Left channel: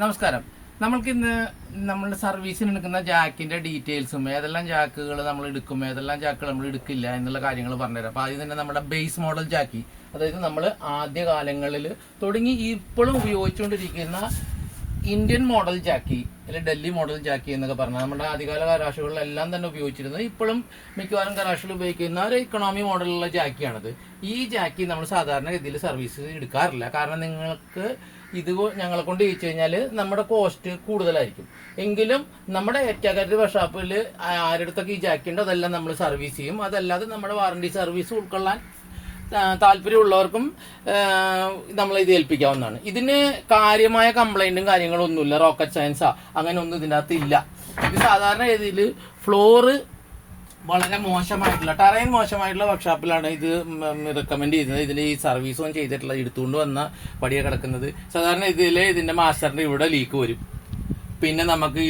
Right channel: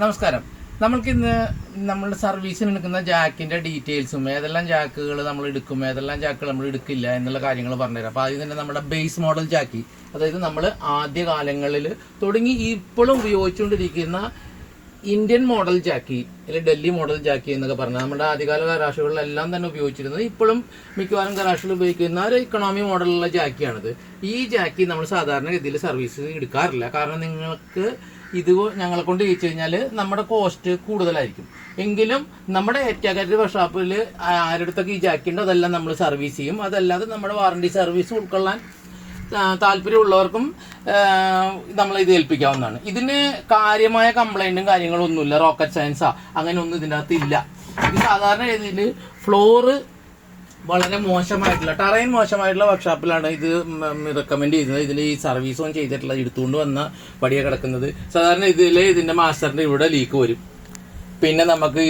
നമസ്കാരം. നമ്മൾക്കിന്ന് നമ്മുടെ സർവീസിന് എടുക്കുന്ന ജാക്കിന്റെ ഡീറ്റെയിൽസും ഏതെല്ലാം ജാക്കുകൾ നമ്മൾ എടുക്കും, ഏതെല്ലാം ജാക്കുകൾ നമ്മൾ എടുക്കില്ല എന്നുള്ള കാര്യങ്ങൾ പറഞ്ഞുതരാം. അപ്പോൾ ആദ്യം തന്നെ നമ്മുടെ ബേസ് മോഡൽ ജാക്കി, അതായത് നമ്മൾ ആദ്യകാലങ്ങളിൽ തുടങ്ങി ഇപ്പോഴും ഉപയോഗിച്ചുകൊണ്ടിരിക്കുന്ന ഇന്ത്യൻ മോഡൽ ജാക്കി അല്ലെങ്കിൽ ഡൽഹി മോഡൽ ജാക്കി എന്നൊക്കെ പറഞ്ഞാൽ നമ്മുടെ ആദ്യകാല ഗരാഷുകളിലെല്ലാം തന്നെ ഉപയോഗിച്ചിരുന്നത്, ഇപ്പോഴും മിക്കവാറും ഗരാഷുകൾ ഉപയോഗിക്കുന്ന ഒരു ഇക്കണോമി മോഡലുള്ള ജാക്കിയാണിത്. ഈ ജാക്കി നമ്മൾ സാധാരണ ഗതിയിൽ സർവീസ് എടുക്കാറില്ല. കാരണം നിങ്ങൾക്ക് ഇത് ഞങ്ങളെ കൊണ്ട് ചോദിച്ചു കഴിഞ്ഞാൽ നമ്മുടെ കോസ്റ്റ് കൂടുതലായിരിക്കും. എങ്കിലും നമ്മുടെ ഏറ്റവും വർക്ക്ഷോപ്പിൽ ആരുടെടുത്തൊക്കെ ഈ ജാക്കി ഉണ്ട് അതെല്ലാം നമ്മൾ സർവീസ് ചെയ്യും. അതല്ലാതെ നമ്മുടെ വാറണ്ടി സർവീസ് ഉൾക്കൊള്ളാൻ താല്പര്യമുള്ളവർക്കും നമ്മൾ ഇത് ഏൽപ്പിക്കാവുന്നതാണ്. ഇതിന് കാര്യമായ കംപ്ലൈന്റും കാര്യങ്ങളും ഒന്നുമില്ല. റോക്കറ്റ് സയൻസാ അങ്ങനെ ഒന്നും ഇതിൻ്റെ അകത്ത് ഇല്ല. ഇത് സാധാരണ രീതിയിൽ ഫ്ലോറ് വളരെ മോശമായിട്ടുള്ള ടെറൈൻ മോശമായിട്ടുള്ള വർക്ക്ഷോപ്പിലാണ് ഇത് റെക്കമെൻഡ് ചെയ്തത്. ഇതിൽ ഈ സർവീസും ചെയ്തിട്ടുള്ള എടുത്തുകൊണ്ട് വന്ന പടിയാണ് കിടക്കുന്നത്. സാധാരണ ഇതിന്റെ മാസ്റ്ററിന്റെ ഇവിടെ ലീക്ക് വരും. പിന്നെ നമുക്ക്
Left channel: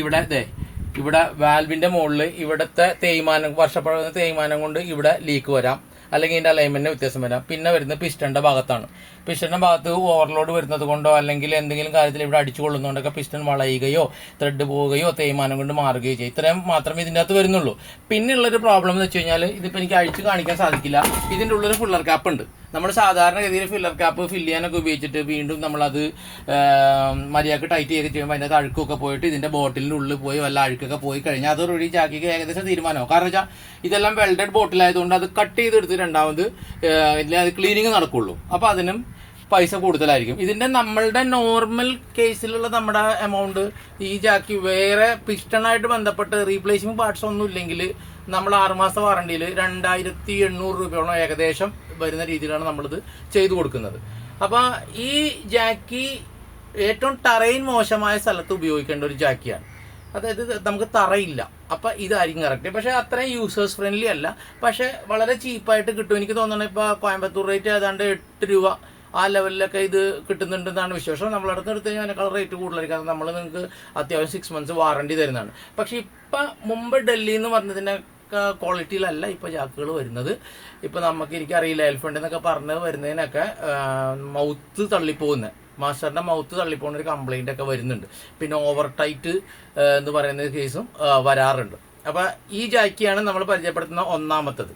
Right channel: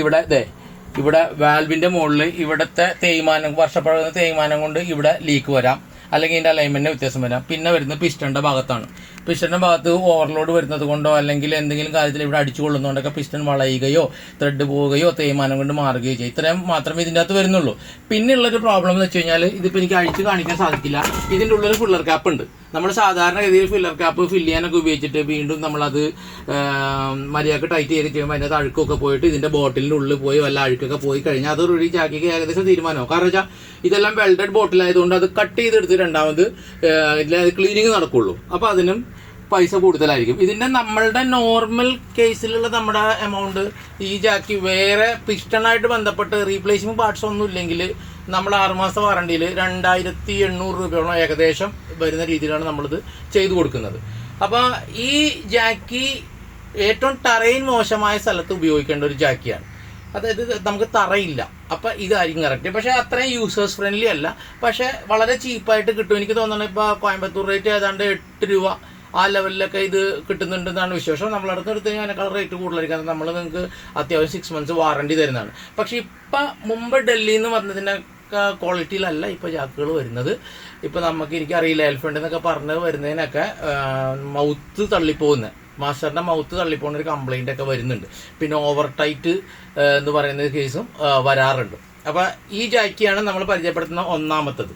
ഇവിടെ വാൽവിന്റെ മുകളിൽ ഇവിടുത്തെ തേയ്മാനം, വർഷപ്പഴകുന്ന തേയ്മാനം കൊണ്ട് ഇവിടെ ലീക്ക് വരാം, അല്ലെങ്കിൽ ഇതിന്റെ അലൈൻമെന്റിന് വ്യത്യാസം വരാം. പിന്നെ വരുന്നത് പിസ്റ്റന്റെ ഭാഗത്താണ്. പിസ്റ്റന്റെ ഭാഗത്ത് ഓവർലോഡ് വരുന്നത് കൊണ്ടോ അല്ലെങ്കിൽ എന്തെങ്കിലും കാര്യത്തിൽ ഇവിടെ അടിച്ചു കൊള്ളുന്നതുകൊണ്ടൊക്കെ പിസ്റ്റൺ വളയുകയോ ത്രെഡ് പോവുകയോ തേയ്മാനം കൊണ്ട് മാറുകയോ ചെയ്യും. ഇത്രയും മാത്രമേ ഇതിൻ്റെ അകത്ത് വരുന്നുള്ളൂ. പിന്നെയുള്ളൊരു പ്രോബ്ലം എന്ന് വെച്ച് കഴിഞ്ഞാൽ ഇതിപ്പോൾ എനിക്ക് അഴിച്ച് കാണിക്കാൻ സാധിക്കില്ല. ഇതിൻ്റെ ഉള്ളൊരു ഫില്ലർ ക്യാപ്പ് ഉണ്ട്. നമ്മൾ സാധാരണ രീതിയിൽ ഫില്ലർ ക്യാപ്പ് ഫില്ല് ചെയ്യാനൊക്കെ ഉപയോഗിച്ചിട്ട് വീണ്ടും നമ്മളത് മര്യാദക്ക് ടൈറ്റ് ചെയ്ത് ചെയ്യുമ്പോൾ അതിനകത്ത് അഴുക്കൊക്കെ പോയിട്ട് ഇതിന്റെ ബോട്ടിലിന്റെ ഉള്ളിൽ പോയി വല്ല അഴുക്കൊക്കെ പോയി കഴിഞ്ഞാൽ അത് റെഡി ചാക്കിക്ക് ഏകദേശം തീരുമാനമാവും. കാരണം വെച്ചാൽ ഇതെല്ലാം വെൽഡഡ് ബോട്ടിലായതുകൊണ്ട് അത് കട്ട് ചെയ്തെടുത്ത് രണ്ടാമത് ക്ലീനിങ് നടക്കുള്ളൂ. അപ്പൊ അതിനും പൈസ കൂടുതലായിരിക്കും. ഇതിന്റെ നമ്മളുടെ നോർമൽ കേസിലുള്ള നമ്മുടെ എമൗണ്ട് ഈ ജാക്കി വേറെ പിസ്റ്റണായിട്ട് ബന്ധപ്പെട്ട് റീപ്ലേസ്മെന്റ് പാർട്സ് ഒന്നും ഇല്ലെങ്കിൽ നമ്മൾ 6 മാസ വാറണ്ടിയിൽ 2800 രൂപയോളം ഏകദേശം വരുന്ന രീതിയിലാണ് നമ്മളിത് ചെയ്തു കൊടുക്കുന്നത്. അപ്പൊ ഈ ജാക്കി ഏറ്റവും ടെറൈൻ മോശമായ സ്ഥലത്ത് ഉപയോഗിക്കേണ്ട ഒരു ജാക്കിയാണ്. അതായത് നമുക്ക് തറയില്ല, അപ്പൊ ഇതായിരിക്കും കറക്റ്റ്. പക്ഷെ അത്രയും യൂസേഴ്സ് ഫ്രണ്ട്ലി അല്ല, പക്ഷെ വളരെ ചീപ്പായിട്ട് കിട്ടും. എനിക്ക് തോന്നുന്നത് ഇപ്പൊ കോയമ്പത്തൂർ റേറ്റ് ഏതാണ്ട് 8 രൂപ ആ ലെവലിലൊക്കെ ഇത് കിട്ടുന്നുണ്ടെന്നാണ് വിശ്വാസം. നമ്മളടുത്ത് എടുത്ത് കഴിഞ്ഞാൽ അതിനേക്കാൾ റേറ്റ് കൂടുതലായിരിക്കും. കാരണം നമ്മൾ നിങ്ങൾക്ക് അത്യാവശ്യം 6 മന്ത്സ് വാറണ്ടി തരുന്നതാണ്. പക്ഷെ ഇപ്പൊ മുമ്പ് ഡൽഹിയിൽ നിന്ന് വന്നതിന്റെ ക്വാളിറ്റിയിലല്ല ഇപ്പൊ ജാക്കുകൾ വരുന്നത്. ഇപ്പൊ എനിക്കറിയില്ല, എൽഫണ്ട് എന്നൊക്കെ പറഞ്ഞ് വരുന്നതിനൊക്കെ മൗത്ത് തള്ളിപ്പോകുന്നത്, മാസ്റ്ററിന്റെ മൗത്ത് തള്ളിപ്പോകുന്ന ഒരു കംപ്ലൈന്റ് ഒക്കെ വരുന്നുണ്ട്. പിന്നെ ഓവർ ടൈറ്റ് എന്ന് പറയുന്ന കേസും വരാറുണ്ട്. അപ്പൊ ഈ ജാക്കിയാണ് നമ്മൾ പരിചയപ്പെടുത്തുന്ന ഒന്നാമത്തത്.